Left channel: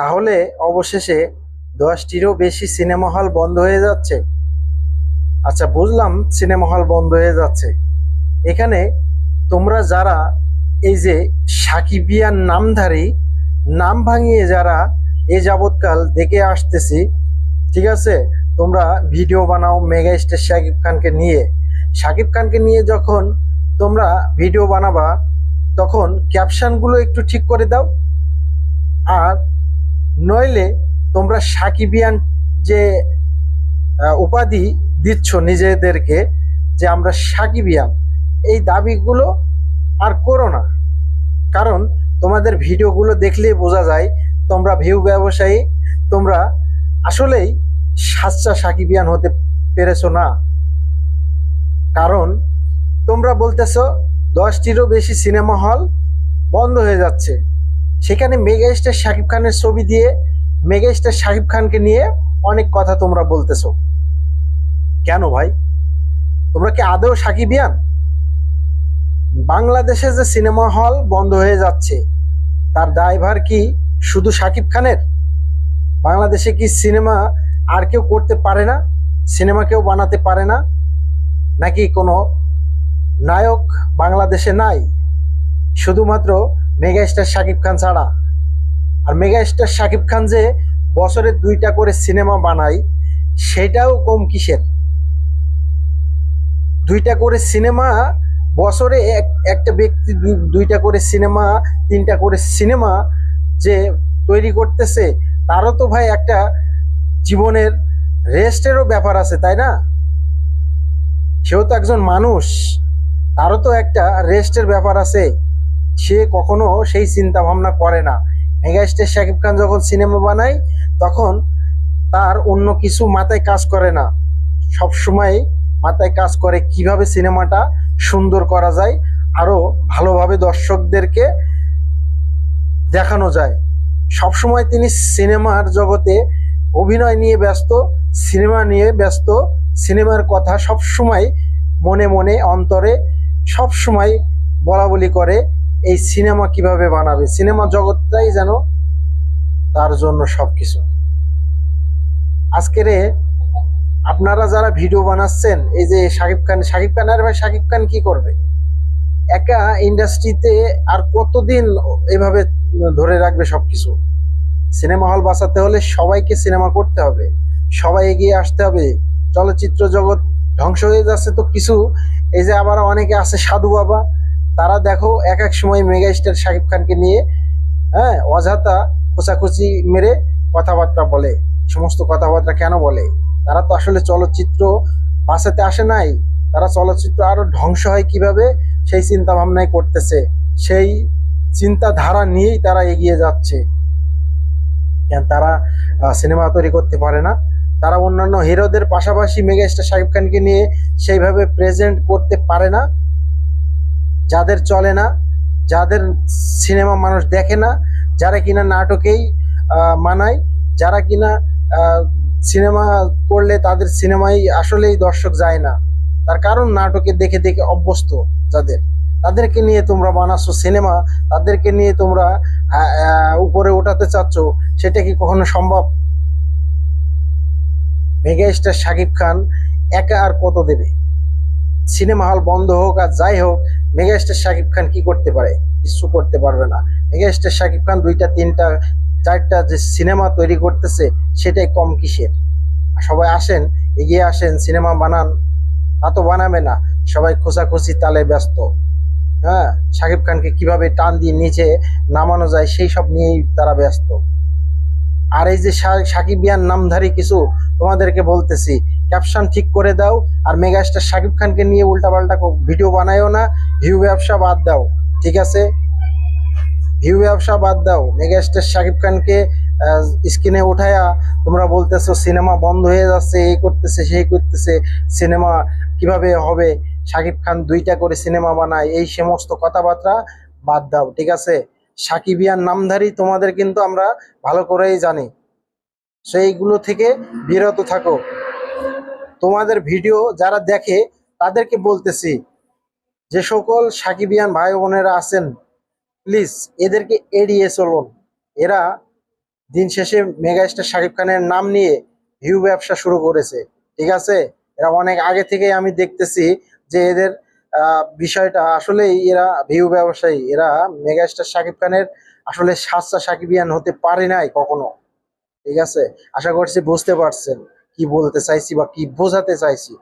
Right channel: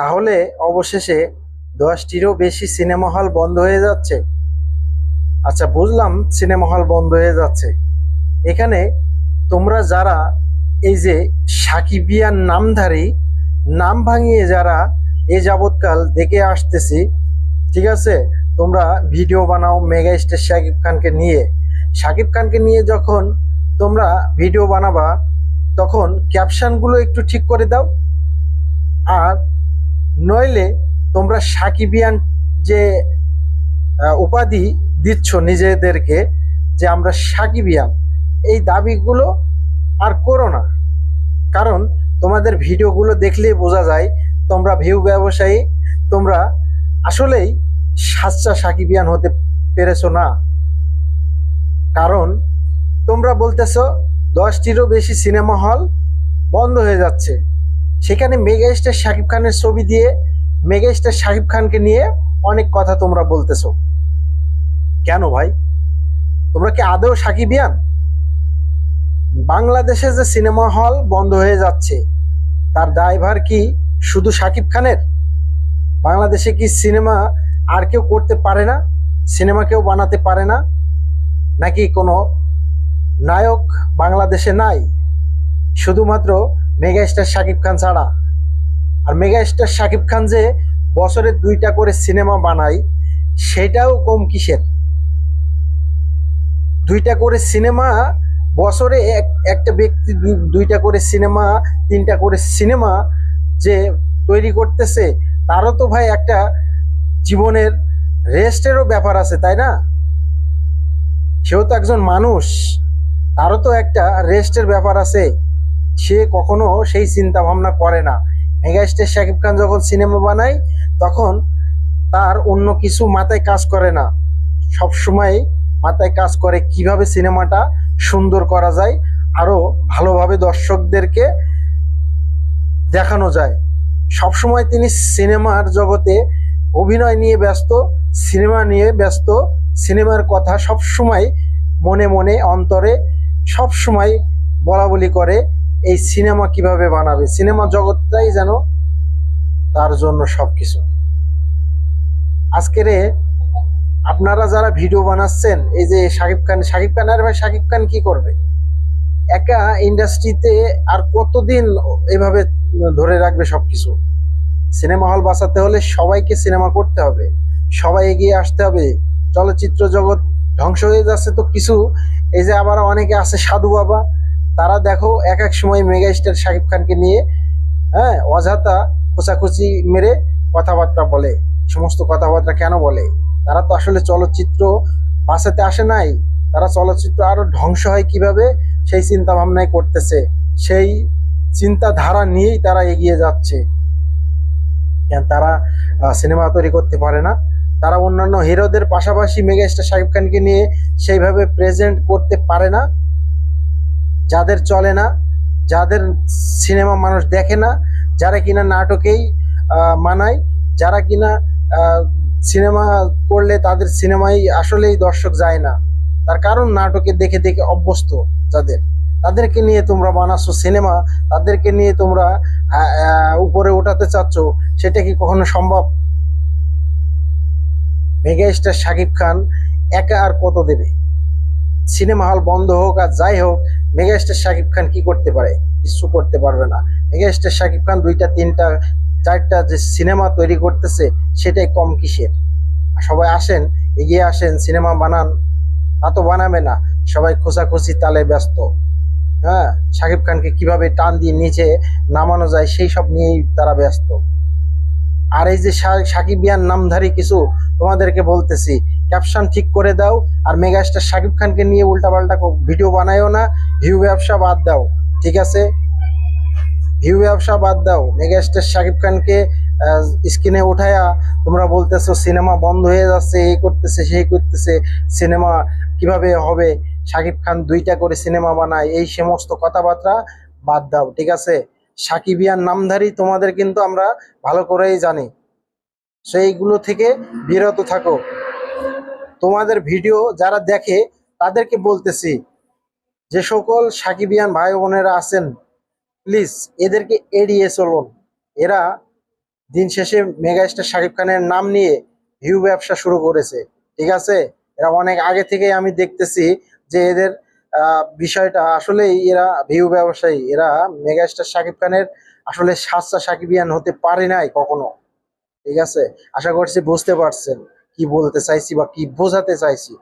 তাহলে অবশেষে দশটিরও বেশি সিনেমা হল বন্ধ হয়ে যাচ্ছে। আচ্ছা বুঝলাম সিনেমা হল বন্ধ হয়ে যাচ্ছে। এখানে তোমরা যারা এই যে সাকিবিয়ান নামধারী, নাম ভাঙিয়ে যারা এ যাবৎকাল দেখে আসতেছি, ঠিক আছে? তোমরা ভিডিও বানাও মেগা স্টার শাকিব খানকে নিয়ে। শাকিব খানকে নিয়ে যখন তোমরা ভিডিও বানাবা, তখন ক্যাপশনগুলো একটু ঠিক করে দাও। আর নইলে তোমরা সাকিবিয়ান যে উপাধি দিচ্ছ নিজেদেরকে যে আমরা সাকিবিয়ান, এই দাবিগুলো আর করো না। কারণ তোমাদের ভিডিওগুলো দেখলেই বোঝা যায় তোমরা ভিউ ব্যবসায়ী, তোমরা আসলেই সাচ্চা সাকিবিয়ান হতে পেরেছ না। কারণ তোমরা বলতেছ, দশটিরও বেশি সিনেমা হল বন্ধ হয়ে যাচ্ছে। সেখানে মেগা স্টার শাকিব খানের ছবি দিয়ে মেগা স্টার শাকিব খানকে নিয়ে অনেক কথা তোমরা বলতেছ। কেন ভাই? তোমরা কি আদৌ সাকিবিয়ান বাংলাদেশে যে সিনেমা হল বন্ধ হয়ে যাচ্ছে, তার দায়ভার কি শুধু শাকিব খানের? বাংলাদেশে কি সিনেমা আর কেউ করতে পারে না? সিনেমা কেউ বানাতে পারে না? নাকি কোনো নায়ক বাংলাদেশে নাই? শুধুমাত্র মেগা স্টার শাকিব খান ছাড়া আর মেগা স্টার শাকিব খান যে বছরে দুইটা করে সিনেমা বানায়, সেটাও কম কিসের? দুইটা করে সিনেমা বছরে এক- একটা ব্যক্তি দুই- দুইটা করে সিনেমা তিনটা করে সিনেমা যে তৈরি করতেছে, তারও তো ভাই একটা জীবনের রেস্টেরও ব্যাপার আছে, তাই না? সেও তো একজন মানুষ, তারও তো একটা রেস্টের ব্যাপার আছে, সে কখনো সেই চিন্তা ভাবনা করে না। মেগাস্টার শাকিব খান যখন সিনেমা বানায়, তখন তার অন্য কিছু মাথায় কাজ করে না। সব সময় মাথায় কাজ করে কীভাবে সিনেমাটা সুন্দর করা যায়, আরও ভালোভাবে দর্শকদেরকে দেখানো যায়। সব সময় তিনি সিনেমার জগতে অভিনয় নিয়ে ব্যস্ত, সিনেমা নিয়ে ব্যস্ত, সিনেমার কথা সব সময় মনে মনে, অন্তরে সব সময় বলা বলি করে এই সিনেমা কীভাবে বানাবে? সিনেমা জগৎটাই যেন তার জন্য সবকিছু। আজকের আপনারা যারা ভিডিও বানাচ্ছেন, এই যে শাকিব খান শাকিব খান, আর ভাই, শাকিব খান কি করবে? একা ইন্ডাস্ট্রিতে আর কতদিন এভাবে ধরে রাখবে সবকিছু? সিনেমা হল বাঁচাতে হলে সবাইকে সিনেমা করতে হবে। সবাই এগিয়ে আসতে হবে। চলচ্চিত্র জগৎ ধ্বংস হয়ে যাচ্ছে তো কিছু। এই যে আবার অনেকে আছে সাধু বাবা তারা দেখো এক এক সময় মেগা স্টার শাকিব খানকে নিয়ে হ্যাঁ অযথা খোঁচাখুচি মেরে কথাবার্তা বলে। সমস্ত কথাবার্তা কেন বলে? তারা তো আসলে চলচ্চিত্র বাঁচাতে আসে নাই। তারা চলচ্চিত্র আরও ধ্বংস হয় কীভাবে? সেই চিন্তা ভাবনাই করতেছে। সেই চিন্তাধারা নিয়েই তারা এগিয়ে যাচ্ছে। কেন তারা সিনেমা তৈরি করতে পারে না? তারা অন্যান্য হিরোদের পাশাপাশি মেগাস্টার শাকিব খানকে নিয়ে সেইভাবে প্রেজেন্ট করতে পারে না? যাদের চলে না, যাদের সিনেমা মানুষ দেখে না, যারা কিনা নাটকেই মানায়, যারা কিনা সিনেমা করলে তাদের সিনেমাই আসলেই দর্শক যায় না। তার কারণ নাটকে দেখে দেখে অভ্যস্ত যাদের। তাদেরকে নিয়ে তোমরা বানাচ্ছ সিনেমা, তাদেরকে নিয়ে তোমরা উপরে ওঠাতে চাচ্ছ, সেটা কি কখনো সম্ভব? মেগা স্টার শাকিব খান একা আর কত দেবে? সিনেমা হল বন্ধ হোক আর যাই হোক মেগা স্টার শাকিব খান কি করতে পারে? কিছু করতে পারবে না। মেগা স্টার শাকিব খান দুইটা, তিনটা, চারটা যে সিনেমা তৈরি করতেছে, সেটাই কম কিসের? সবাই আসেন, এগিয়ে আসেন সিনেমা বানান। তা তো বানাবে না। সবাই খোঁচাখুচি তালে ব্যস্ত। হ্যাঁ? শাকিব খানকে কীভাবে টান দিয়ে নিচে নামানো যায়, সেই সব নিয়েই তারা ব্যস্ত। আর এই যে সাকিবিয়ান নামধারী কিছু তোমাদেরকে বলতেছি ক্যাপশন ঠিক করে দাও আর মেগাস্টার শাকিব খানকে নিয়ে উল্টাপাল্টা ভিডিও বানায়ও না, ভিউ ব্যবসা বাদ দাও, ঠিক আছে? ভিউ ব্যবসা বাদ দাও, মেগাস্টার শাকিব খানকে স্ক্রিনে উঠায়া তোমরা বলতেছো সিনেমা বন্ধ হয়ে যাচ্ছে, এই করতেছে, সেই করতেছে, সিনেমা কীভাবে হবে? শাকিব খান দুইটা করে সিনেমা বানায়, এই সমস্ত কথাবার্তা বাদ দাও, ঠিক আছে? সাকিবিয়ান নামধারী তোমাদের কিন্তু আমরা ভালো করেই জানি। সেইগুলো থেকে বিরত থাকো। তোমাদের ভিডিও যারা দেখে তাদেরকে বলতেছি যে সকল সাকিবিয়ান ভাই বোনেরা আছেন প্লিজ এদেরকে এড়িয়ে চলুন। এরা দিন শেষে মেগাস্টার শাকিব খানের নাম নিয়ে ভিউ ব্যবসা শুরু করেছে, ঠিক আছে? এরা অনেক আগে থেকেই আমি দেখতেছি যে এদের বিষয়টা আসলেই এরা ভিউ ব্যবসায়ী, এরা মেগাস্টার শাকিব খানের আসলে সাচ্চা সাকিবিয়ান হতে পারে নাই কখনো, ঠিক আছে? আশা করছি বুঝতে পারছেন। কি বলতে চাইছি বা কি বোঝাতে চাইছি?